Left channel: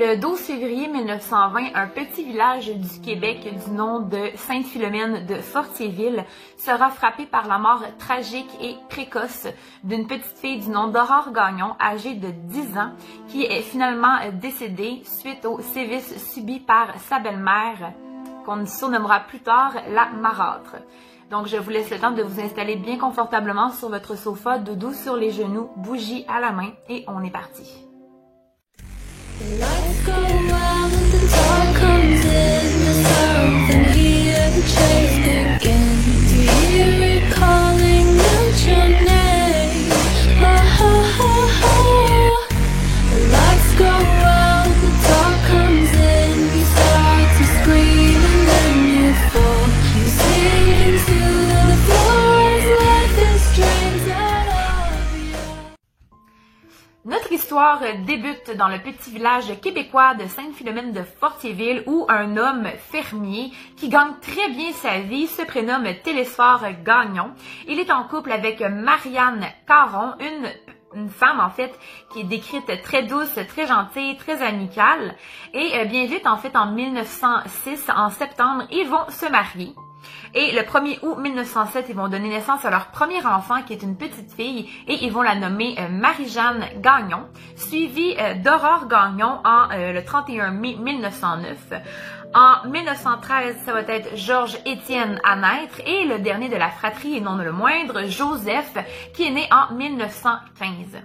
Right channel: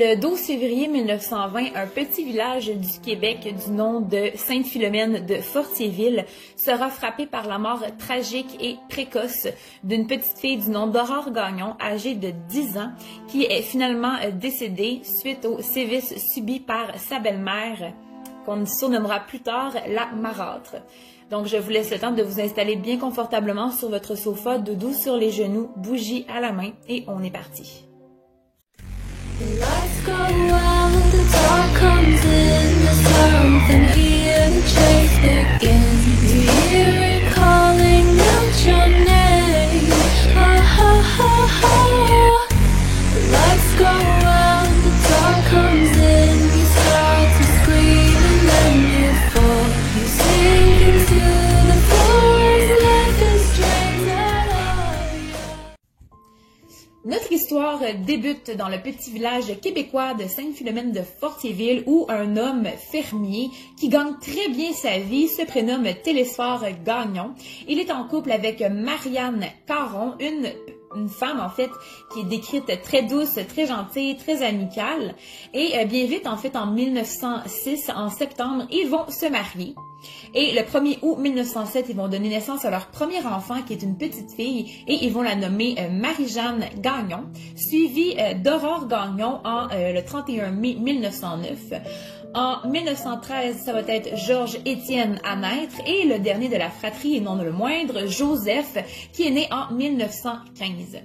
Le 12 février 1920, un petit village du Québec du nom de Sainte-Philomène de Fortierville sera frappé par la mort tragique et précoce d'une petite fille du nom d'Aurore Gagnon, âgée de 10 ans, qui est finalement décédée suite aux sévices subis par sa belle-mère, qu'on surnommera plus tard la marâtre. Donc, je vous laisse le temps de vous installer bien confortablement sur votre sofa, doudou sur les genoux, bougie à la main, et on est parti. The lights go out and the dark comes in. There's something here, the chase begins. You hear it calling out your name. Ha ha ha ha. The lights go out, the dark comes in. You start to scream and then you fall. You sink into the floor as life is drains out of you. Notre histoire débute dans le petit village québécois de Sainte-Philomène de Fortierville où un homme fermier qui gagne très bien sa vie se prénomme Télésphore Gagnon. Il est en couple avec Marianne Caron, une femme en fait qui est décrite très douce, très gentille, très amicale. Et bien vite en fait en 1906, en septembre, ils vont se marier. Et le 1er août 1907, ils vont donner naissance à leur premier enfant qui est une petite fille et ils vont la nommer Marie-Jeanne Gagnon, suivie d'Aurore Gagnon le 31 mai 1909. En 1913, ça va être Georges-Étienne à naître et le dernier de la fratrie, et non le moindre, Joseph, qui est né en 1915.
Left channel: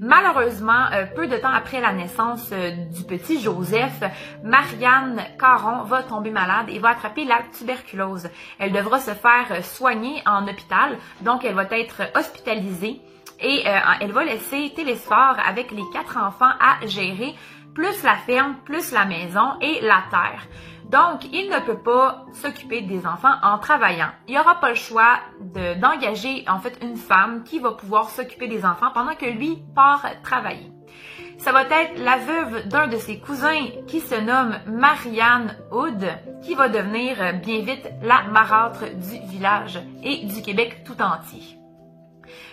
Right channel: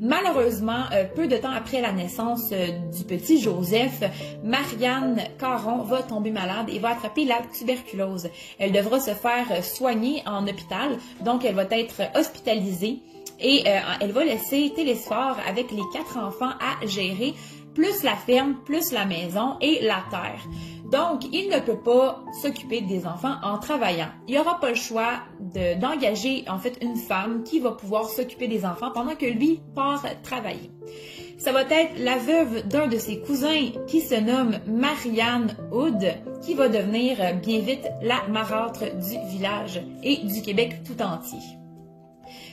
Malheureusement, peu de temps après la naissance du petit Joseph, Marianne Caron va tomber malade et va attraper la tuberculose. Elle devra se faire soigner en hôpital, donc elle va être hospitalisée et elle va laisser Télésphore avec les 4 enfants à gérer, plus la ferme, plus la maison et la terre. Donc, il ne peut pas s'occuper des enfants en travaillant. Il n'aura pas le choix d'engager en fait une femme qui va pouvoir s'occuper des enfants pendant que lui part travailler. Ça va être la veuve d'un de ses cousins qui se nomme Marianne Hood, qui va devenir bien vite la marâtre du village et du Québec tout entier.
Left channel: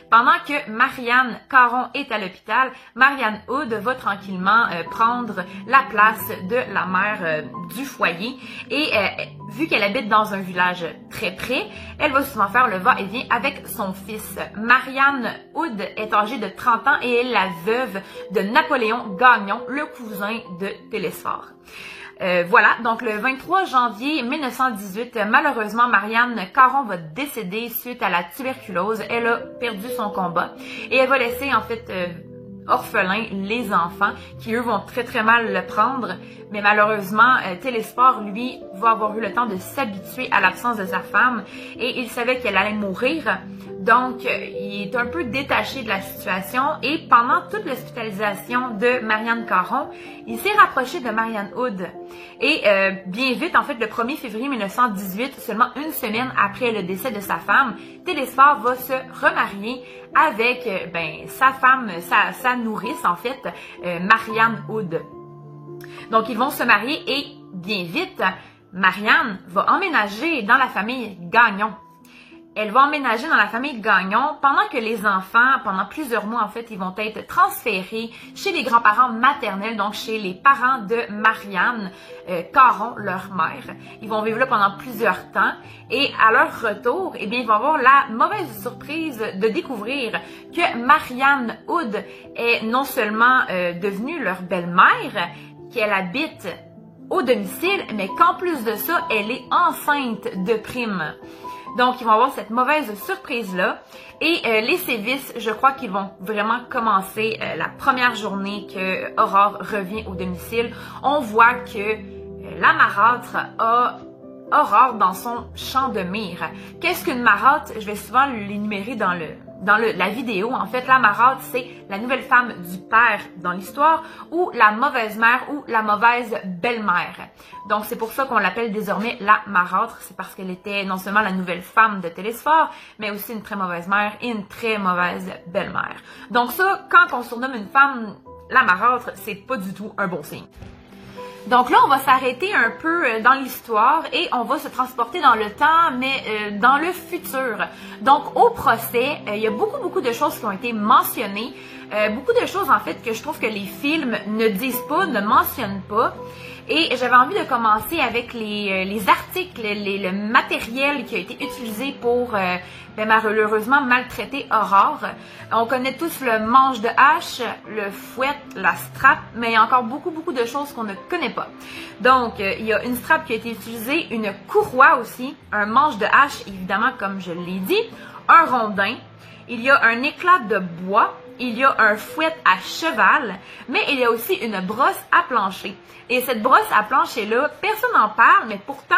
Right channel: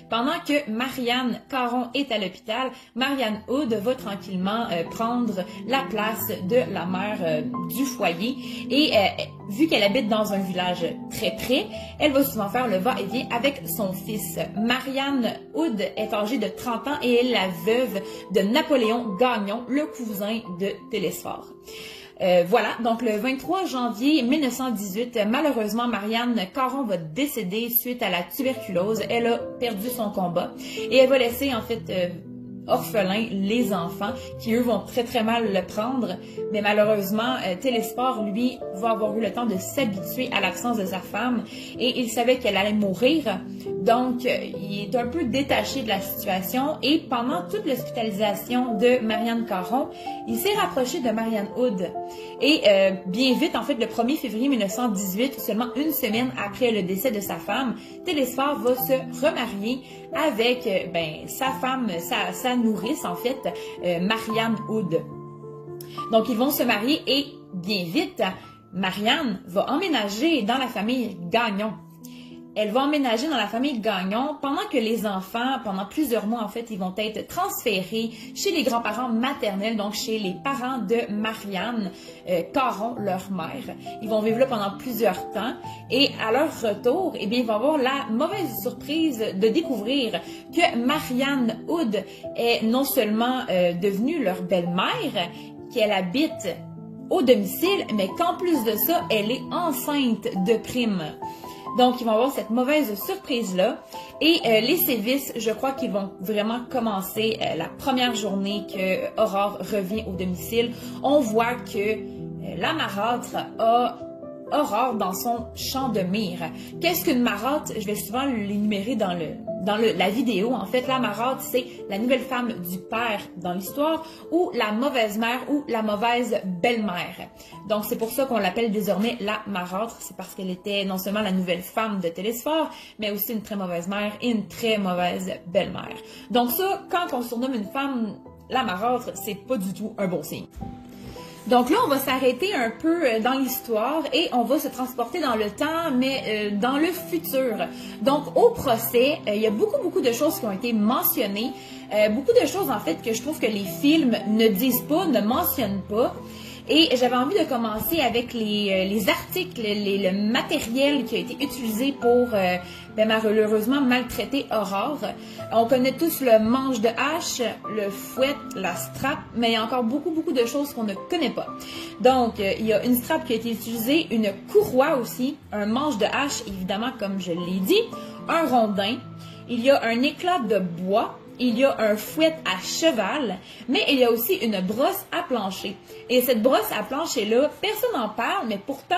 Pendant que Marianne Caron est à l'hôpital, Marianne Hood va tranquillement prendre la place de la mère du foyer et vu qu'elle habite dans un village très près, elle va souvent faire le va-et-vient avec son fils. Marianne Hood est âgée de 30 ans et elle est la veuve de Napoléon Gagnon, le cousin de Télésphore. Voilà, donc le 23 janvier 1918, malheureusement, Marianne Caron va décéder suite à la tuberculose. Elle a perdu son combat et elle va laisser en fait orphelins les enfants qui eux vont très mal le prendre. Mais malheureusement, Télésphore, lui, va avoir eu le temps de s'habituer à l'absence de sa femme et il savait qu'elle allait mourir. Donc, il est un peu détaché de la situation et pendant toute l'hospitalisation de Marianne Caron, il s'est rapproché de Marianne Hood. Et bien vite, en fait, le 1er février 1918, seulement une semaine après le décès de sa femme, Télésphore va se remarier avec sa femme, sa nourrice, en fait, Marianne Hood. Donc, ils vont se marier et bien vite, Marianne va emménager dans la famille Gagnon. Elle va emménager dans la famille Gagnon pendant que les enfants, pendant plusieurs mois en fait, ils vont être transférés chez les grands-parents maternels, donc chez les parents de Marianne Caron, leur mère. Ils vont vivre là pendant plusieurs temps et à leur retour, eh bien, ils vont avoir la mauvaise surprise de découvrir que Marianne Hood est non seulement devenue leur belle-mère, qu'elle habite au domicile, mais qu'en plus de ça, elle est enceinte de prime. Donc, ils vont avoir cette mauvaise surprise-là. Et les sévices, je crois qu'ils vont vraiment commencer la première journée que Aurore revient au domicile. On voit que la marâtre a Aurore dans son champ de mire. Qu'est-ce qu'une marâtre? Je vais souvent l'énumérer dans la vidéo. En fait, la marâtre, c'est la nouvelle femme du père dans l'histoire ou la mauvaise mère ou la mauvaise belle-mère. Donc, c'est pour ça qu'on l'appelle désormais la marâtre. C'est parce qu'elle était non seulement la nouvelle femme de Télésphore, mais aussi une très mauvaise mère et une très mauvaise belle-mère. Donc ça, quand on surnomme une femme la marâtre, c'est pas du tout un bon signe. Donc là, on va s'arrêter un peu dans l'histoire et on va se transporter dans le temps, mais dans le futur. Donc au procès, il y a beaucoup de choses qui ont été mentionnées, beaucoup de choses en fait que je trouve que les films ne disent pas, ne mentionnent pas. Et j'avais envie de commencer avec les articles, le matériel qui a été utilisé pour malheureusement maltraiter Aurore. On connaît tous le manche de hache, le fouet, la strap, mais il y a encore beaucoup de choses qu'on ne connaît pas. Donc, il y a une strap qui a été utilisée, une courroie aussi, un manche de hache, évidemment, comme je l'ai dit, un rondin, il y a un éclat de bois, il y a un fouet à cheval, mais il y a aussi une brosse à plancher. Et cette brosse à plancher-là, personne n'en parle, mais pourtant,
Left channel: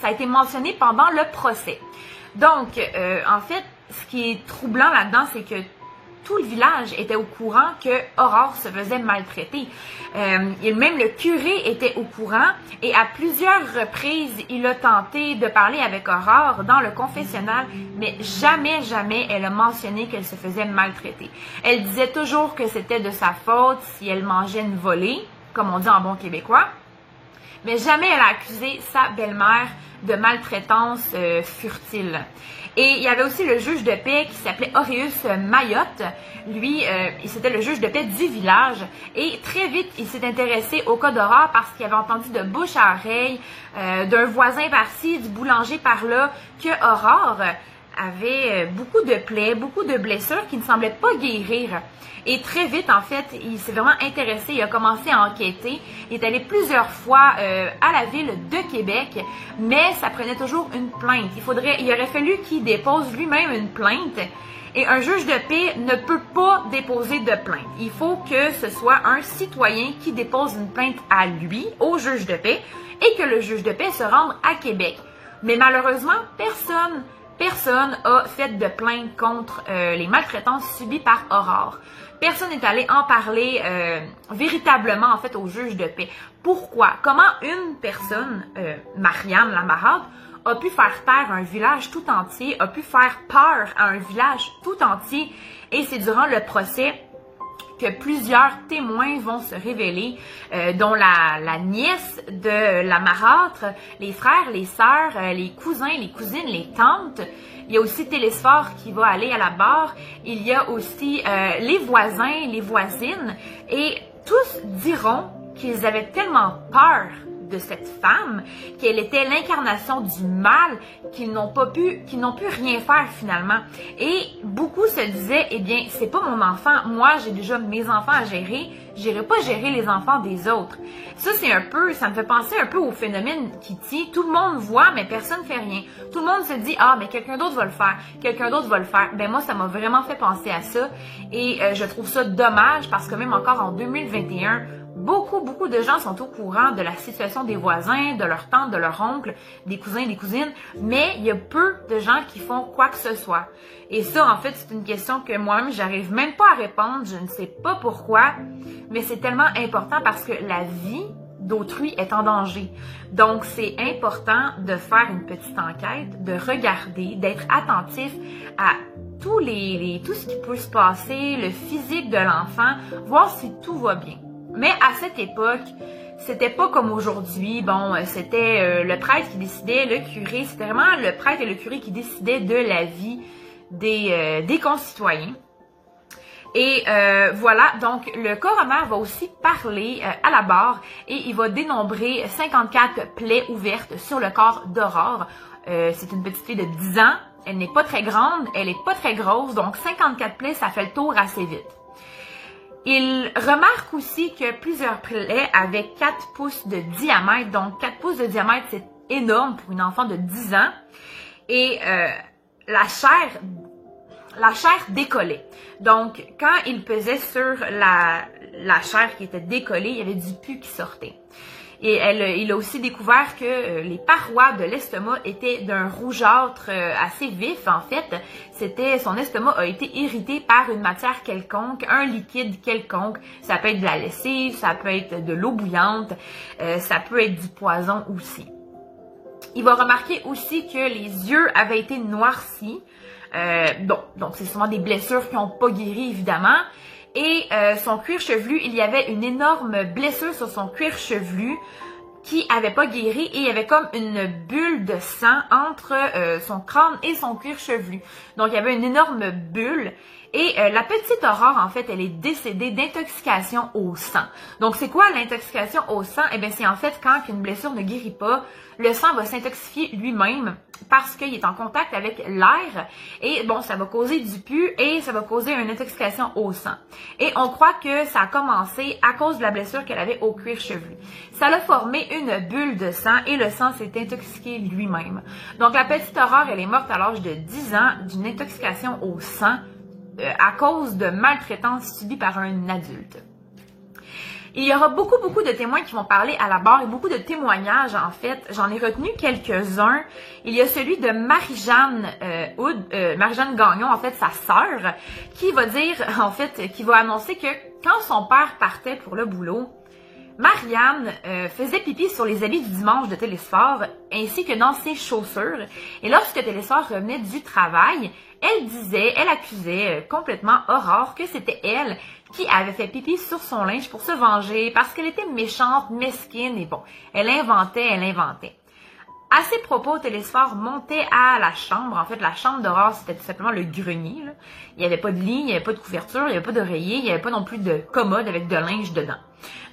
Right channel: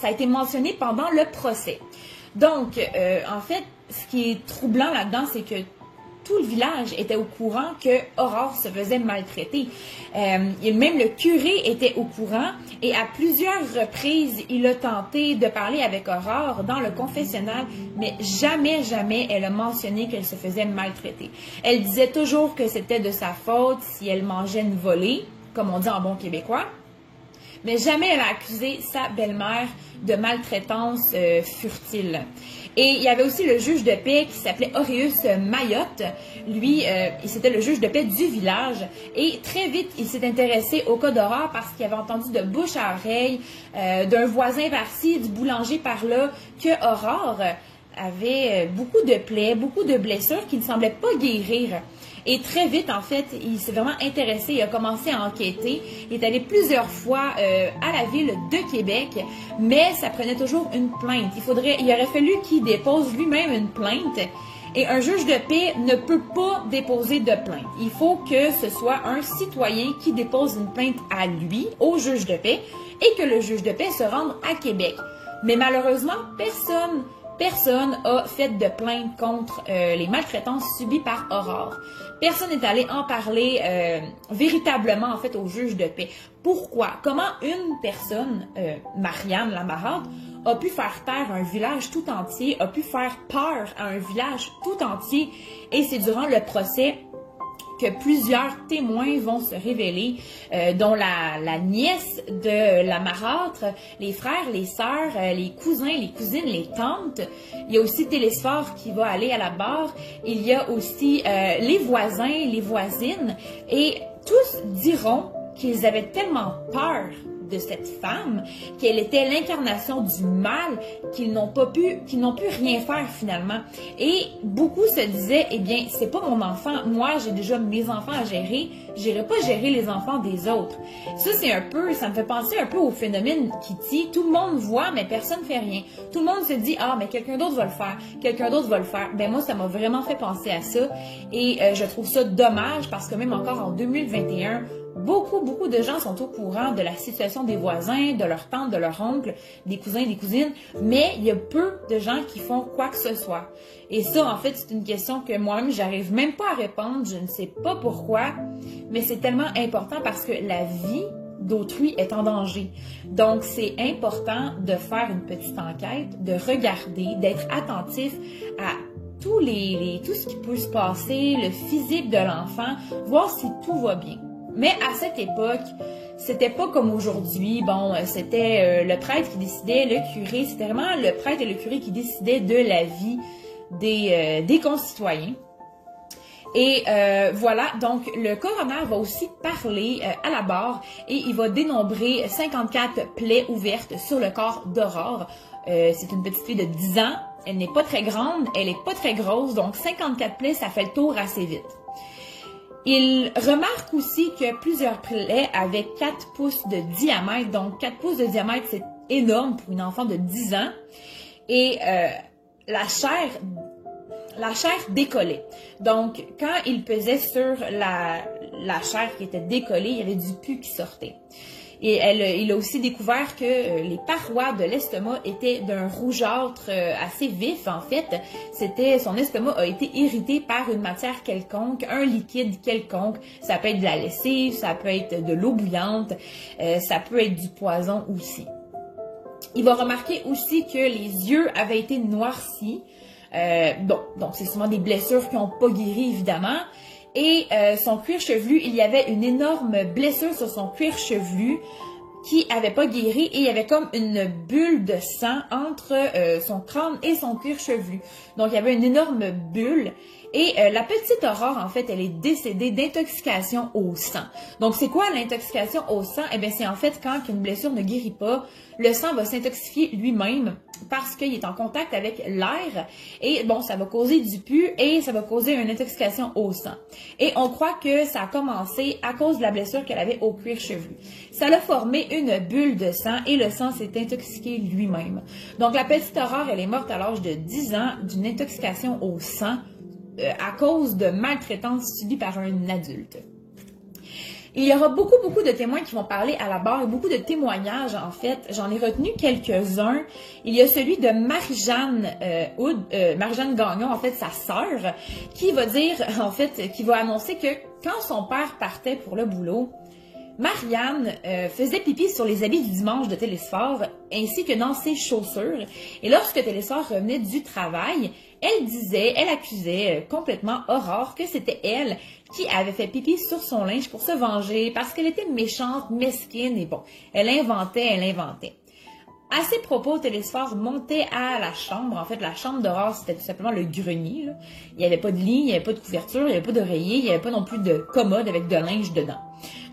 ça a été mentionné pendant le procès. Donc, en fait, ce qui est troublant là-dedans, c'est que tout le village était au courant que Aurore se faisait maltraiter. Et même le curé était au courant et à plusieurs reprises, il a tenté de parler avec Aurore dans le confessionnal, mais jamais elle a mentionné qu'elle se faisait maltraiter. Elle disait toujours que c'était de sa faute si elle mangeait une volée, comme on dit en bon québécois, mais jamais elle a accusé sa belle-mère de maltraitance furtile. Et il y avait aussi le juge de paix qui s'appelait Auréus Mayotte. Lui, c'était le juge de paix du village. Et très vite, il s'est intéressé au cas d'Aurore parce qu'il avait entendu de bouche à oreille d'un voisin par-ci, du boulanger par-là, que Aurore avait beaucoup de plaies, beaucoup de blessures qui ne semblaient pas guérir. Et très vite, en fait, il s'est vraiment intéressé, il a commencé à enquêter. Il est allé plusieurs fois à la ville de Québec, mais ça prenait toujours une plainte. Il aurait fallu qu'il dépose lui-même une plainte. Et un juge de paix ne peut pas déposer de plainte. Il faut que ce soit un citoyen qui dépose une plainte à lui, au juge de paix, et que le juge de paix se rende à Québec. Mais malheureusement, personne a fait de plainte contre les maltraitances subies par Aurore. Personne n'est allé en parler véritablement, en fait, au juge de paix. Pourquoi? Comment une personne, Marianne la marâtre, a pu faire taire un village tout entier, a pu faire peur à un village tout entier, et c'est durant le procès que plusieurs témoins vont se révéler, dont la nièce de la marâtre, les frères, les sœurs, les cousins, les cousines, les tantes. Il y a aussi Télésphore qui va aller à la barre. Il y a aussi les voisins, les voisines. Et tous diront qu'ils avaient tellement peur de cette femme, qu'elle était l'incarnation du mal, qu'ils n'ont pu rien faire finalement. Et beaucoup se disaient, eh bien, c'est pas mon enfant, moi j'ai déjà mes enfants à gérer, j'irai pas gérer les enfants des autres. Ça me fait penser un peu au phénomène Kitty, tout le monde voit mais personne fait rien. Tout le monde se dit, ah mais quelqu'un d'autre va le faire, quelqu'un d'autre va le faire. Ben moi ça m'a vraiment fait penser à ça et je trouve ça dommage parce que même encore en 2021, beaucoup de gens sont au courant de la situation des voisins, de leurs tantes, de leurs oncles, des cousins, des cousines, mais il y a peu de gens qui font quoi que ce soit. Et ça, en fait, c'est une question que moi-même, j'arrive même pas à répondre, je ne sais pas pourquoi, mais c'est tellement important parce que la vie d'autrui est en danger. Donc, c'est important de faire une petite enquête, de regarder, d'être attentif à tout ce qui peut se passer, le physique de l'enfant, voir si tout va bien. Mais à cette époque, c'était pas comme aujourd'hui. Bon, c'était le prêtre qui décidait, le curé. C'était vraiment le prêtre et le curé qui décidaient de la vie des concitoyens. Et voilà, donc le coroner va aussi parler à la barre et il va dénombrer 54 plaies ouvertes sur le corps d'Aurore. C'est une petite fille de 10 ans. Elle n'est pas très grande, elle n'est pas très grosse. Donc 54 plaies, ça fait le tour assez vite. Il remarque aussi que plusieurs plaies avaient 4 pouces de diamètre. Donc, 4 pouces de diamètre, c'est énorme pour une enfant de 10 ans. Et la chair décollait. Donc, quand il pesait sur la chair qui était décollée, il y avait du pus qui sortait. Et il a aussi découvert que les parois de l'estomac étaient d'un rougeâtre assez vif. En fait, son estomac a été irrité par une matière quelconque, un liquide quelconque. Ça peut être de la lessive, ça peut être de l'eau bouillante, ça peut être du poison aussi. Il va remarquer aussi que les yeux avaient été noircis. Donc c'est souvent des blessures qui n'ont pas guéri, évidemment. et son cuir chevelu, il y avait une énorme blessure sur son cuir chevelu qui avait pas guéri et il y avait comme une bulle de sang entre son crâne et son cuir chevelu. Donc, il y avait une énorme bulle. Et la petite Aurore, en fait, elle est décédée d'intoxication au sang. Donc, c'est quoi l'intoxication au sang? Eh bien, c'est en fait quand une blessure ne guérit pas, le sang va s'intoxifier lui-même parce qu'il est en contact avec l'air. Et bon, ça va causer du pus et ça va causer une intoxication au sang. Et on croit que ça a commencé à cause de la blessure qu'elle avait au cuir chevelu. Ça a formé une bulle de sang et le sang s'est intoxiqué lui-même. Donc, la petite Aurore, elle est morte à l'âge de 10 ans d'une intoxication au sang à cause de maltraitance subie par un adulte. Il y aura beaucoup de témoins qui vont parler à la barre et beaucoup de témoignages, en fait. J'en ai retenu quelques-uns. Il y a celui de Marie-Jeanne Marie-Jeanne Gagnon, en fait, sa sœur, qui va dire, en fait, qui va annoncer que quand son père partait pour le boulot, Marianne faisait pipi sur les habits du dimanche de Télésphore ainsi que dans ses chaussures. Et lorsque Télésphore revenait du travail, elle accusait complètement Aurore que c'était elle qui avait fait pipi sur son linge pour se venger parce qu'elle était méchante, mesquine et bon, elle inventait. À ces propos, Télésphore montait à la chambre. En fait, la chambre d'Aurore, c'était tout simplement le grenier, là. Il n'y avait pas de lit, il n'y avait pas de couverture, il n'y avait pas d'oreiller, il n'y avait pas non plus de commode avec de linge dedans.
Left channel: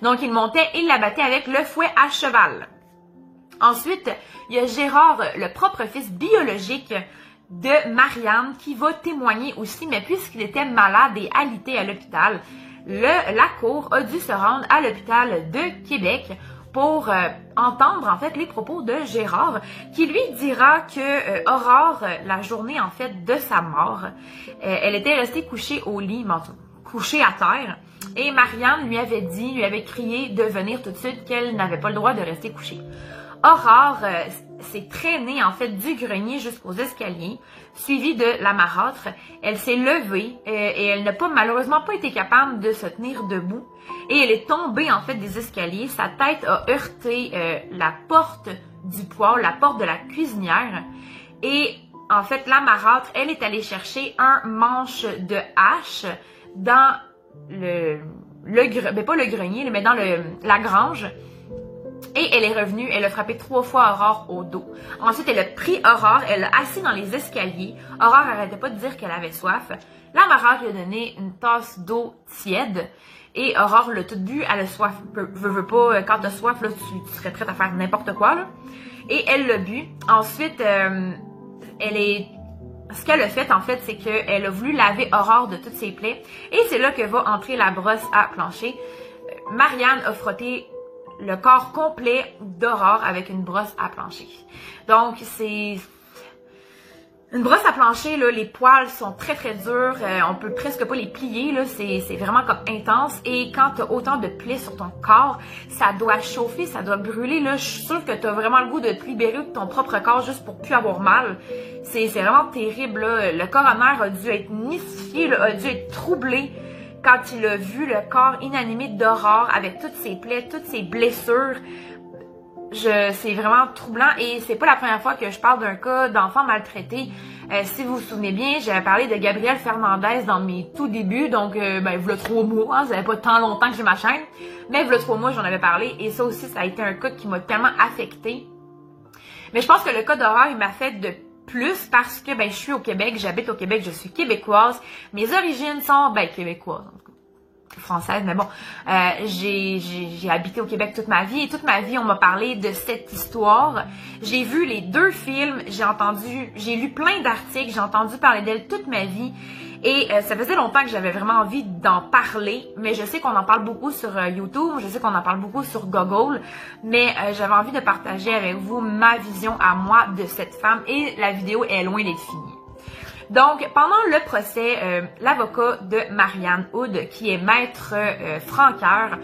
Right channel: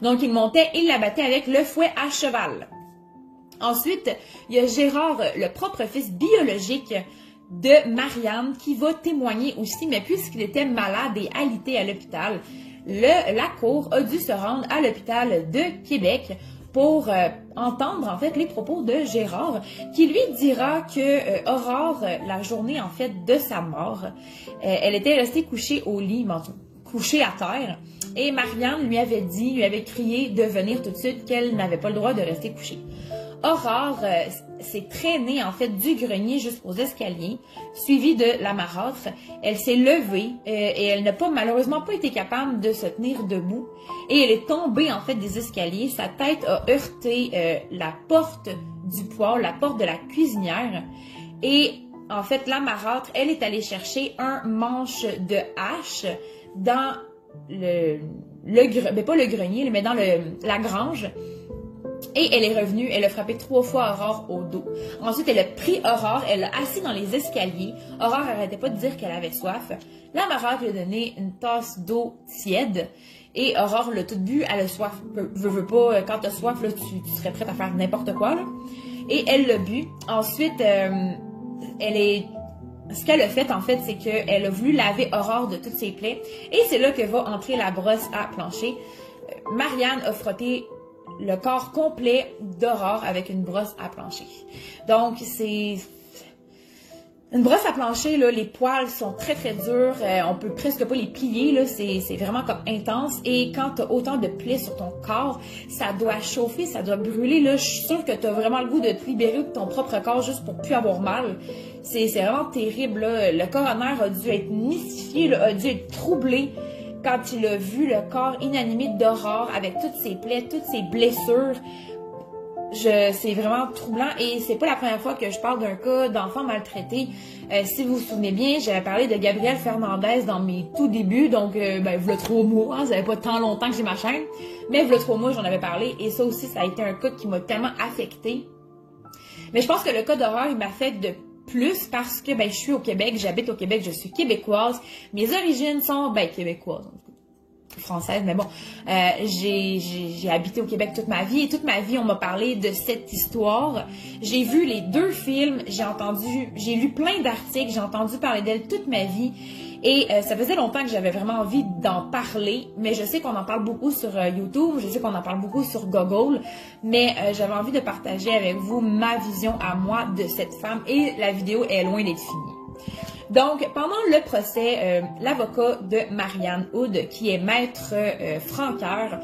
Donc, il montait et la battait avec le fouet à cheval. Ensuite, il y a Gérard, le propre fils biologique de Marianne, qui va témoigner aussi, mais puisqu'il était malade et alité à l'hôpital, la cour a dû se rendre à l'hôpital de Québec pour entendre en fait les propos de Gérard, qui lui dira que Aurore, la journée en fait de sa mort, elle était restée couchée au lit, couchée à terre, et Marianne lui avait crié de venir tout de suite, qu'elle n'avait pas le droit de rester couchée. Aurore s'est traînée en fait du grenier jusqu'aux escaliers, suivie de la marâtre. Elle s'est levée et elle n'a malheureusement pas été capable de se tenir debout. Et elle est tombée en fait des escaliers. Sa tête a heurté la porte du poêle, la porte de la cuisinière. Et en fait, la marâtre, elle est allée chercher un manche de hache dans pas le grenier, mais dans la grange. Et elle est revenue, elle a frappé 3 fois Aurore au dos. Ensuite, elle a pris Aurore, elle l'a assis dans les escaliers. Aurore n'arrêtait pas de dire qu'elle avait soif. La marâtre lui a donné une tasse d'eau tiède. Et Aurore l'a tout bu, elle a soif. Veux pas, quand t'as soif, là, tu serais prête à faire n'importe quoi, là. Et elle l'a bu. Ensuite, ce qu'elle a fait, en fait, c'est qu'elle a voulu laver Aurore de toutes ses plaies. Et c'est là que va entrer la brosse à plancher. Marianne a frotté le corps complet d'Aurore avec une brosse à plancher. Donc, c'est une brosse à plancher, là, les poils sont très durs, on peut presque pas les plier, là, c'est vraiment comme intense. Et quand tu as autant de plaies sur ton corps, ça doit chauffer, ça doit brûler, là. Je suis sûre que tu as vraiment le goût de te libérer de ton propre corps juste pour plus avoir mal. C'est vraiment terrible, là. Le coroner a dû être mystifié, là, a dû être troublé quand il a vu le corps inanimé d'Aurore avec toutes ses plaies, toutes ses blessures. C'est vraiment troublant et c'est pas la première fois que je parle d'un cas d'enfant maltraité. Si vous vous souvenez bien, j'avais parlé de Gabrielle Fernandez dans mes tout débuts, donc v'là 3 mois, hein, ça fait pas tant longtemps que j'ai ma chaîne, mais v'là 3 mois j'en avais parlé et ça aussi ça a été un cas qui m'a tellement affectée. Mais je pense que le cas d'Aurore il m'a fait de plus parce que je suis au Québec, j'habite au Québec, je suis québécoise. Mes origines sont québécoises, en tout cas, françaises, mais bon, j'ai habité au Québec toute ma vie et toute ma vie on m'a parlé de cette histoire. J'ai vu les 2 films, j'ai lu plein d'articles, j'ai entendu parler d'elle toute ma vie. Et ça faisait longtemps que j'avais vraiment envie d'en parler, mais je sais qu'on en parle beaucoup sur YouTube, je sais qu'on en parle beaucoup sur Google, mais j'avais envie de partager avec vous ma vision à moi de cette femme et la vidéo est loin d'être finie. Donc, pendant le procès, l'avocat de Marianne Hood, qui est maître Franqueur,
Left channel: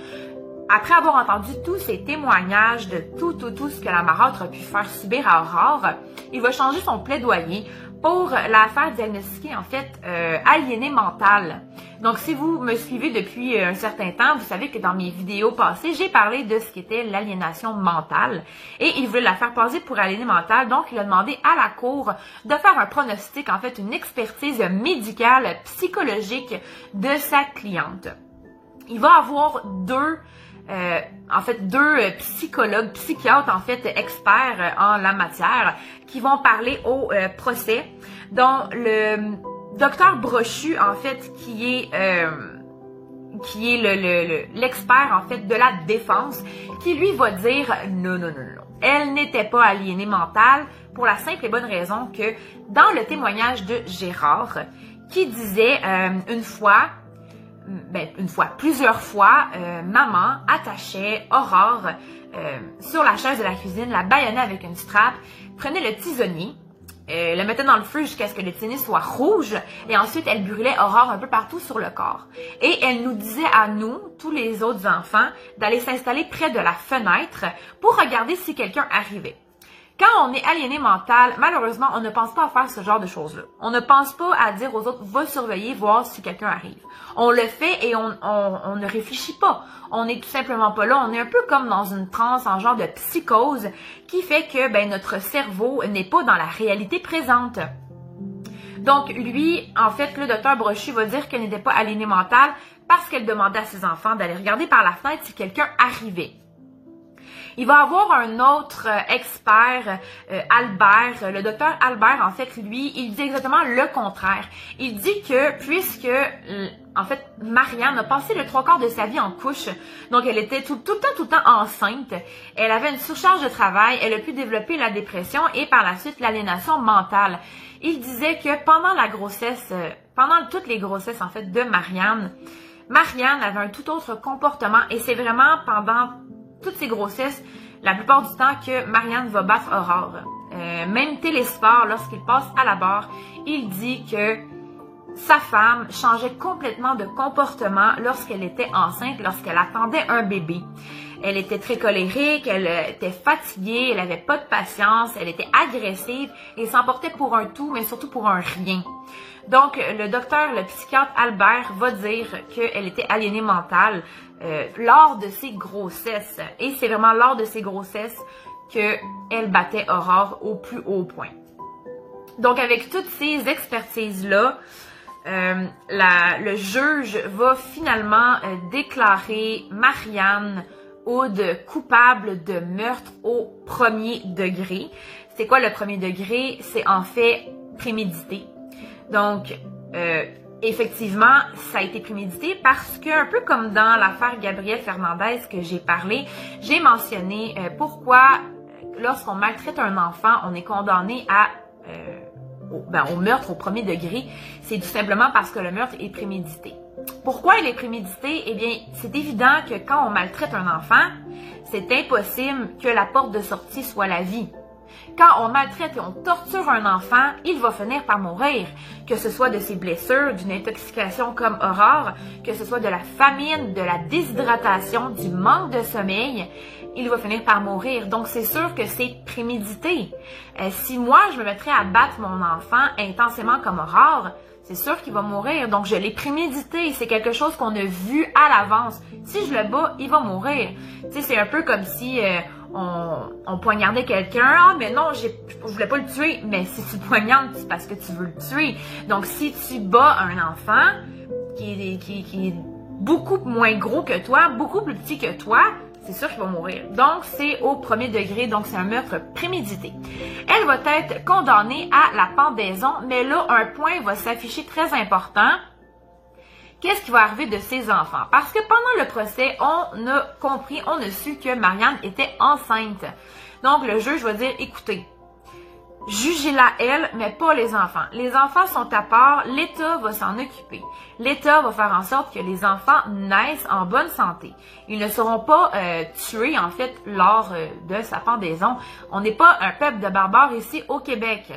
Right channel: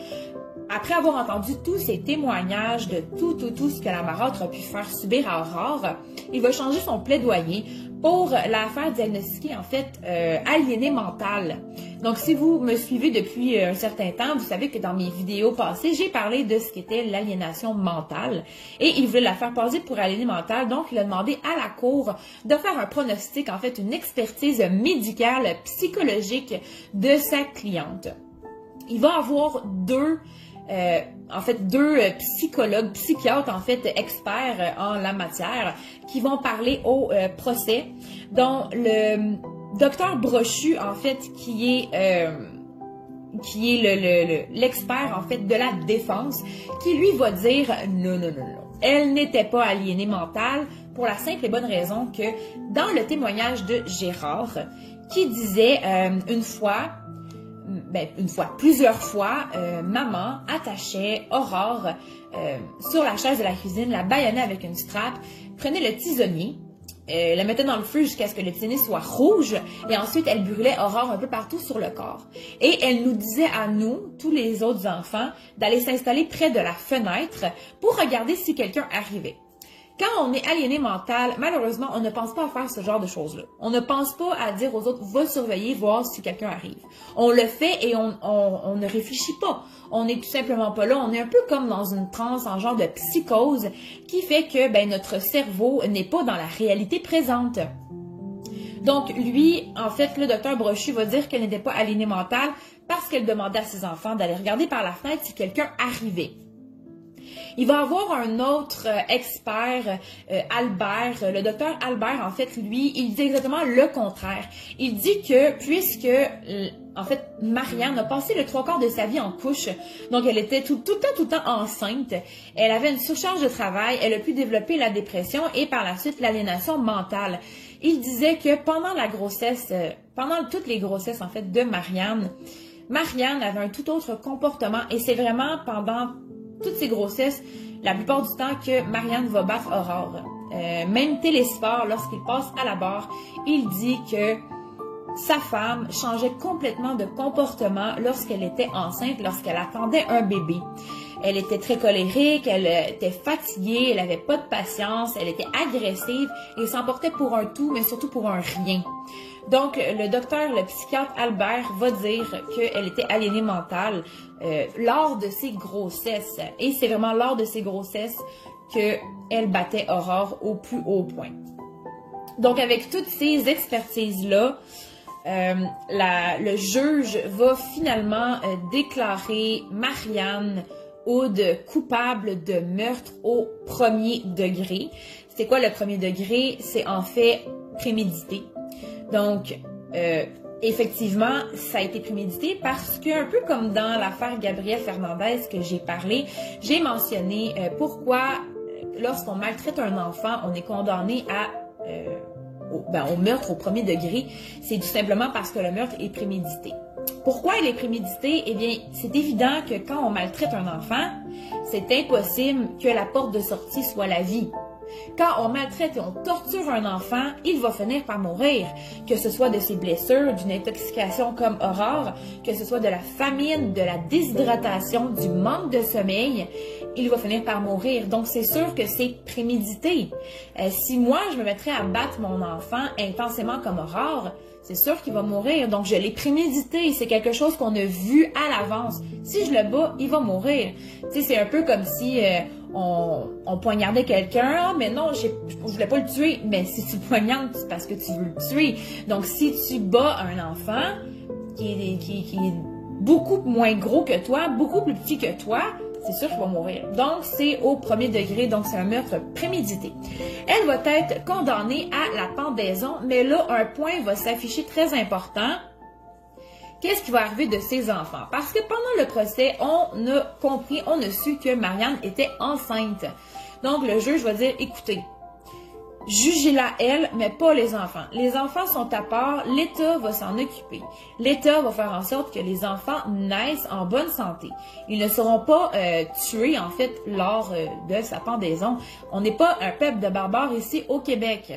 après avoir entendu tous ces témoignages de tout ce que la marâtre a pu faire subir à Aurore, il va changer son plaidoyer pour la faire diagnostiquer, en fait, aliénée mentale. Donc, si vous me suivez depuis un certain temps, vous savez que dans mes vidéos passées, j'ai parlé de ce qu'était l'aliénation mentale. Et il voulait la faire passer pour aliénée mentale. Donc, il a demandé à la cour de faire un pronostic, en fait, une expertise médicale, psychologique de sa cliente. Il va avoir deux psychologues, psychiatres, en fait, experts en la matière, qui vont parler au procès, dont le docteur Brochu, en fait, qui est l'expert, en fait, de la défense, qui lui va dire non, non, non, non. Elle n'était pas aliénée mentale pour la simple et bonne raison que dans le témoignage de Gérard, qui disait plusieurs fois, maman attachait Aurore sur la chaise de la cuisine, la bâillonnait avec une strap, prenait le tisonnier, la mettait dans le feu jusqu'à ce que le tisonnier soit rouge et ensuite elle brûlait Aurore un peu partout sur le corps. Et elle nous disait à nous, tous les autres enfants, d'aller s'installer près de la fenêtre pour regarder si quelqu'un arrivait. Quand on est aliéné mental, malheureusement, on ne pense pas à faire ce genre de choses-là. On ne pense pas à dire aux autres, va surveiller, voir si quelqu'un arrive. On le fait et on ne réfléchit pas. On n'est tout simplement pas là. On est un peu comme dans une transe, en genre de psychose, qui fait que notre cerveau n'est pas dans la réalité présente. Donc, lui, en fait, le docteur Brochu va dire qu'elle n'était pas aliénée mentale parce qu'elle demandait à ses enfants d'aller regarder par la fenêtre si quelqu'un arrivait. Il va avoir un autre expert, Albert, le docteur Albert, en fait, lui, il dit exactement le contraire. Il dit que puisque, en fait, Marianne a passé le 3/4 de sa vie en couche, donc elle était tout le temps enceinte, elle avait une surcharge de travail, elle a pu développer la dépression et par la suite l'aliénation mentale. Il disait que pendant la grossesse, pendant toutes les grossesses, en fait, de Marianne avait un tout autre comportement et c'est vraiment pendant toutes ces grossesses, la plupart du temps que Marianne va battre Aurore. Même Télésphore, lorsqu'il passe à la barre, il dit que sa femme changeait complètement de comportement lorsqu'elle était enceinte, lorsqu'elle attendait un bébé. Elle était très colérique, elle était fatiguée, elle n'avait pas de patience, elle était agressive et s'emportait pour un tout, mais surtout pour un rien. Donc, le psychiatre Albert va dire qu'elle était aliénée mentale lors de ses grossesses. Et c'est vraiment lors de ses grossesses qu'elle battait Aurore au plus haut point. Donc, avec toutes ces expertises-là, le juge va finalement déclarer Marianne Houde coupable de meurtre au 1er degré. C'est quoi le 1er degré? C'est en fait prémédité. Donc, effectivement, ça a été prémédité parce que, un peu comme dans l'affaire Gabrielle Fernandez que j'ai parlé, j'ai mentionné pourquoi, lorsqu'on maltraite un enfant, on est condamné au meurtre au 1er degré. C'est tout simplement parce que le meurtre est prémédité. Pourquoi il est prémédité? Eh bien, c'est évident que quand on maltraite un enfant, c'est impossible que la porte de sortie soit la vie. Quand on maltraite et on torture un enfant, il va finir par mourir, que ce soit de ses blessures, d'une intoxication comme Aurore, que ce soit de la famine, de la déshydratation, du manque de sommeil, il va finir par mourir. Donc, c'est sûr que c'est prémédité. Si moi, je me mettrais à battre mon enfant intensément comme Aurore, c'est sûr qu'il va mourir. Donc, je l'ai prémédité. C'est quelque chose qu'on a vu à l'avance. Si je le bats, il va mourir. Tu sais, c'est un peu comme si on poignardait quelqu'un. Ah, mais non, je voulais pas le tuer. Mais si tu poignardes, c'est parce que tu veux le tuer. Donc, si tu bats un enfant qui est beaucoup moins gros que toi, beaucoup plus petit que toi, c'est sûr qu'il va mourir. Donc, c'est au 1er degré, donc c'est un meurtre prémédité. Elle va être condamnée à la pendaison, mais là, un point va s'afficher très important. Qu'est-ce qui va arriver de ses enfants? Parce que pendant le procès, on a compris, on a su que Marianne était enceinte. Donc, le juge va dire, écoutez, jugez-la elle, mais pas les enfants. Les enfants sont à part, l'État va s'en occuper. L'État va faire en sorte que les enfants naissent en bonne santé. Ils ne seront pas tués, en fait, lors de sa pendaison. On n'est pas un peuple de barbares ici au Québec.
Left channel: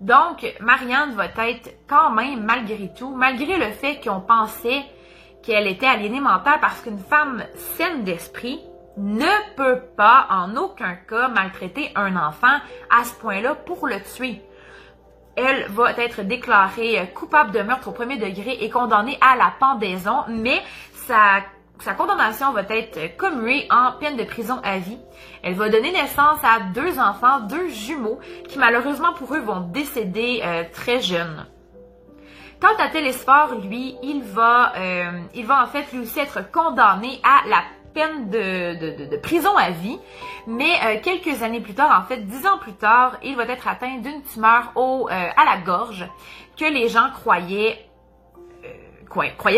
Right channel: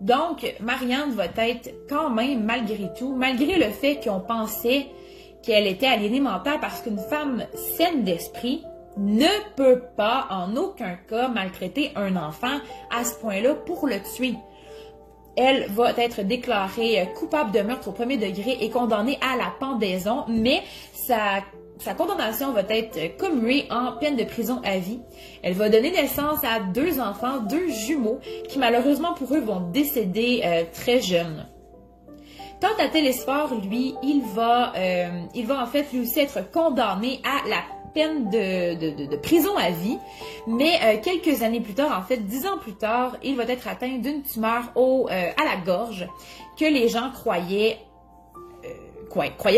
Donc, Marianne va être quand même, malgré tout, malgré le fait qu'on pensait qu'elle était aliénée mentale parce qu'une femme saine d'esprit ne peut pas, en aucun cas, maltraiter un enfant à ce point-là pour le tuer. elle va être déclarée coupable de meurtre au premier degré et condamnée à la pendaison, mais sa condamnation va être commuée en peine de prison à vie. Elle va donner naissance à 2 enfants, 2 jumeaux, qui malheureusement pour eux vont décéder très jeunes. Quant à Télesphore, lui, il va en fait lui aussi être condamné à la peine de prison à vie, mais quelques années plus tard, en fait 10 ans plus tard, il va être atteint d'une tumeur à la gorge que les gens croyaient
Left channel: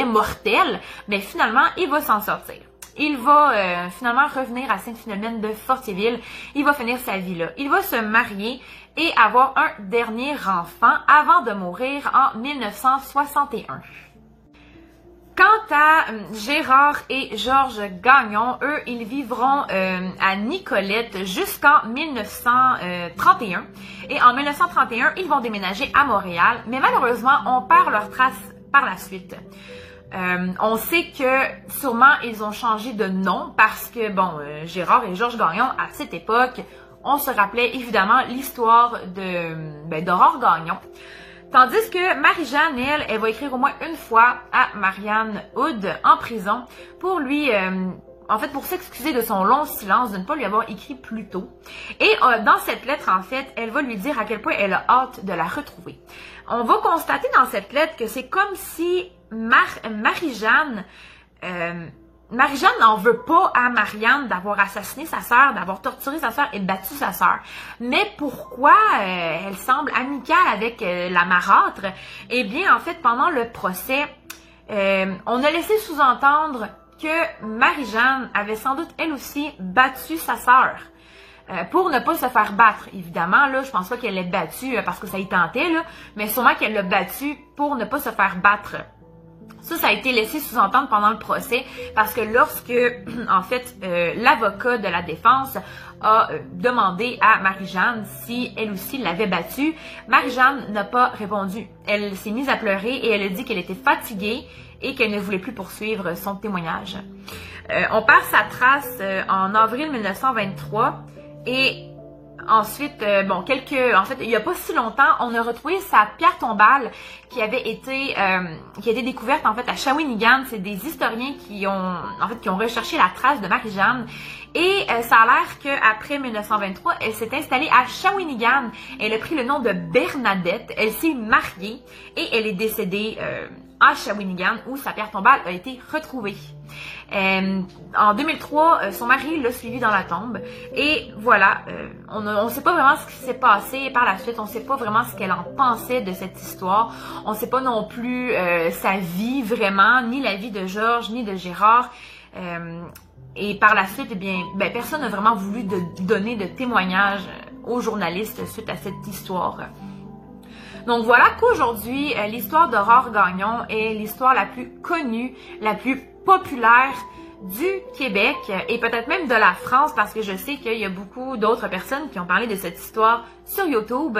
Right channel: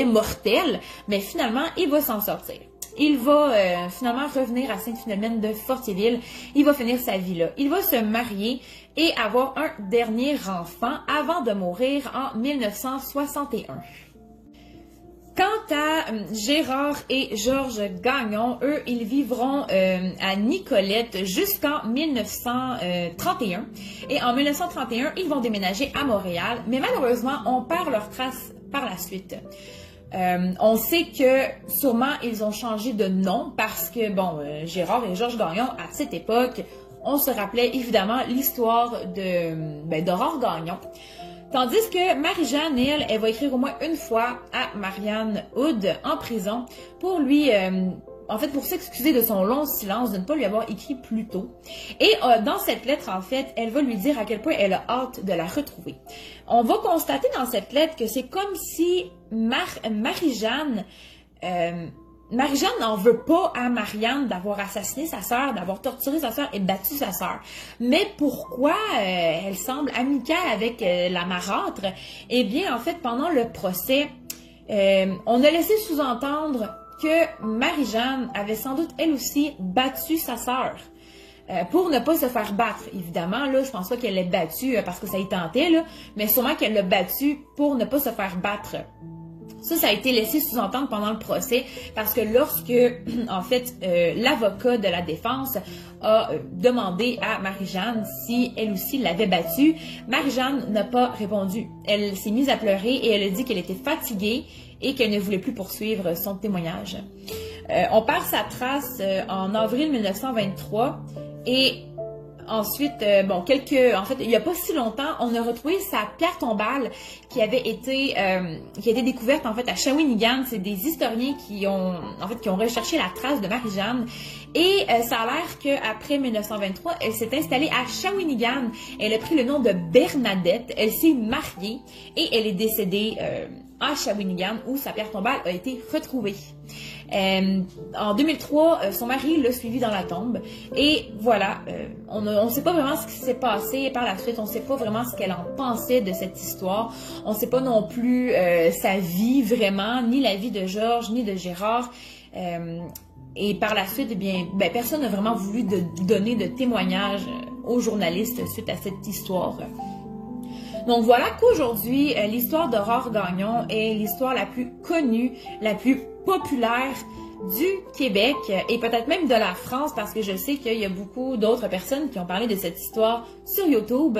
mortelle, mais finalement, il va s'en sortir. Il va finalement revenir à Sainte-Philomène de Fortiéville. Il va finir sa vie là. Il va se marier et avoir un dernier enfant avant de mourir en 1961. Quant à Gérard et Georges Gagnon, eux, ils vivront à Nicolette jusqu'en 1931. Et en 1931, ils vont déménager à Montréal, mais malheureusement, on perd leurs traces par la suite. On sait que sûrement ils ont changé de nom parce que, bon, Gérard et Georges Gagnon, à cette époque, on se rappelait évidemment l'histoire d'Aurore Gagnon. Tandis que Marie-Jeanne, elle va écrire au moins une fois à Marianne Hood en prison pour lui, en fait, pour s'excuser de son long silence, de ne pas lui avoir écrit plus tôt. Et dans cette lettre, en fait, elle va lui dire à quel point elle a hâte de la retrouver. On va constater dans cette lettre que c'est comme si Marie-Jeanne n'en veut pas à Marianne d'avoir assassiné sa sœur, d'avoir torturé sa sœur et battu sa sœur. Mais pourquoi elle semble amicale avec la marâtre? Eh bien, en fait, pendant le procès, on a laissé sous-entendre que Marie-Jeanne avait sans doute, elle aussi, battu sa sœur. Pour ne pas se faire battre, évidemment, là, je pense pas qu'elle l'ait battue parce que ça y tentait, là, mais sûrement qu'elle l'a battue pour ne pas se faire battre. Ça a été laissé sous-entendre pendant le procès parce que lorsque, en fait, l'avocat de la défense a demandé à Marie-Jeanne si elle aussi l'avait battue, Marie-Jeanne n'a pas répondu. Elle s'est mise à pleurer et elle a dit qu'elle était fatiguée et qu'elle ne voulait plus poursuivre son témoignage. On perd sa trace en avril 1923 et ensuite, en fait, il n'y a pas si longtemps, on a retrouvé sa pierre tombale qui avait été, découverte en fait à Shawinigan. C'est des historiens qui ont recherché la trace de Marie-Jeanne. Et ça a l'air qu'après 1923, elle s'est installée à Shawinigan. Elle a pris le nom de Bernadette. Elle s'est mariée et elle est décédée à Shawinigan où sa pierre tombale a été retrouvée. En 2003, son mari l'a suivie dans la tombe et voilà, on ne sait pas vraiment ce qui s'est passé par la suite, on ne sait pas vraiment ce qu'elle en pensait de cette histoire, on ne sait pas non plus sa vie vraiment, ni la vie de Georges, ni de Gérard. Et par la suite, eh bien, personne n'a vraiment voulu donner de témoignages aux journalistes suite à cette histoire. Donc voilà qu'aujourd'hui, l'histoire d'Aurore Gagnon est l'histoire la plus connue, la plus populaire du Québec et peut-être même de la France parce que je sais qu'il y a beaucoup d'autres personnes qui ont parlé de cette histoire sur YouTube.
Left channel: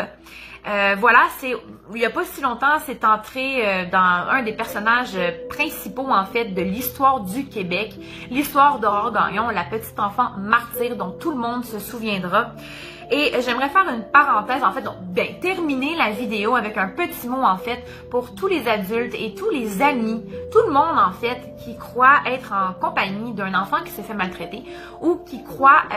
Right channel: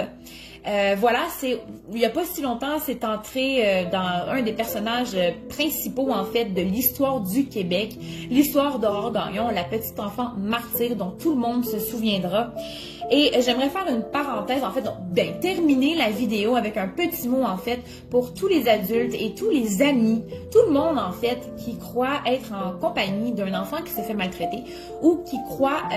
Voilà, il n'y a pas si longtemps, c'est entré dans un des personnages principaux en fait de l'histoire du Québec, l'histoire d'Aurore Gagnon, la petite enfant martyre dont tout le monde se souviendra. Et j'aimerais faire une parenthèse, en fait, donc, terminer la vidéo avec un petit mot, en fait, pour tous les adultes et tous les amis, tout le monde, en fait, qui croit être en compagnie d'un enfant qui se fait maltraiter ou qui croit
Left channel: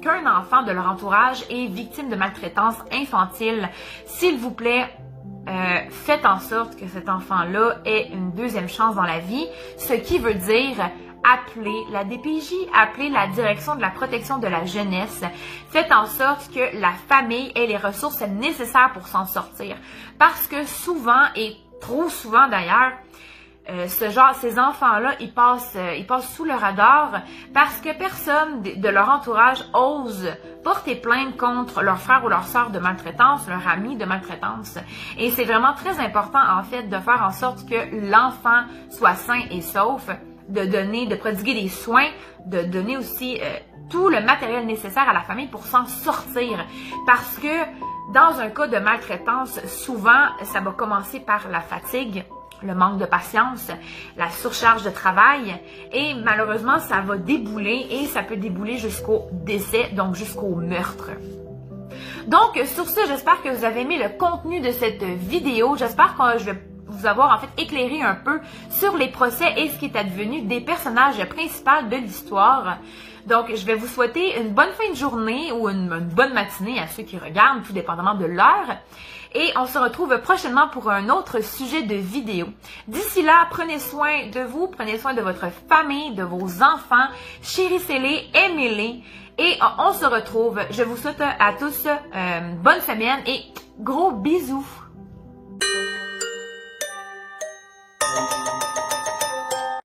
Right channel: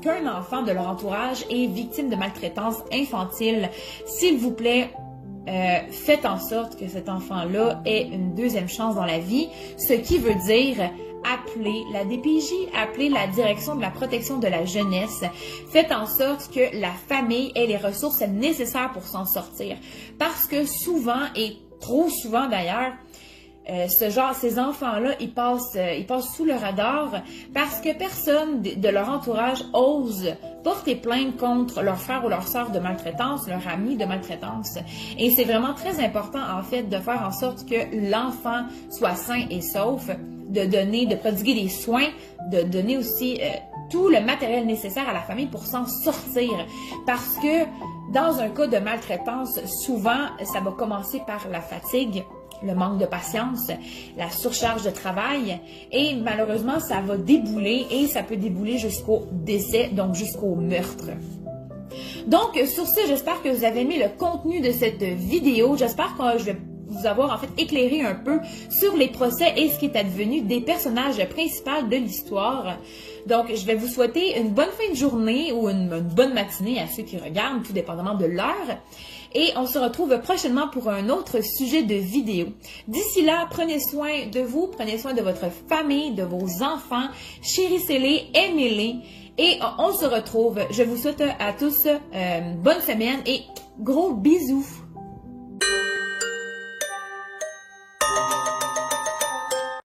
qu'un enfant de leur entourage est victime de maltraitance infantile. S'il vous plaît, faites en sorte que cet enfant-là ait une deuxième chance dans la vie, ce qui veut dire appelez la DPJ, appelez la Direction de la protection de la jeunesse. Faites en sorte que la famille ait les ressources nécessaires pour s'en sortir. Parce que souvent, et trop souvent d'ailleurs, ces enfants-là, ils passent sous le radar parce que personne de leur entourage ose porter plainte contre leur frère ou leur sœur de maltraitance, leur ami de maltraitance. Et c'est vraiment très important, en fait, de faire en sorte que l'enfant soit sain et sauf, de prodiguer des soins, de donner aussi tout le matériel nécessaire à la famille pour s'en sortir. Parce que dans un cas de maltraitance, souvent, ça va commencer par la fatigue, le manque de patience, la surcharge de travail et malheureusement, ça va débouler et ça peut débouler jusqu'au décès, donc jusqu'au meurtre. Donc, sur ce, j'espère que vous avez aimé le contenu de cette vidéo. J'espère que je vais vous avoir en fait éclairé un peu sur les procès et ce qui est advenu des personnages principaux de l'histoire. Donc, je vais vous souhaiter une bonne fin de journée ou une bonne matinée à ceux qui regardent, tout dépendamment de l'heure. Et on se retrouve prochainement pour un autre sujet de vidéo. D'ici là, prenez soin de vous, prenez soin de votre famille, de vos enfants, chérissez-les, aimez-les. Et on se retrouve. Je vous souhaite à tous bonne semaine et gros bisous.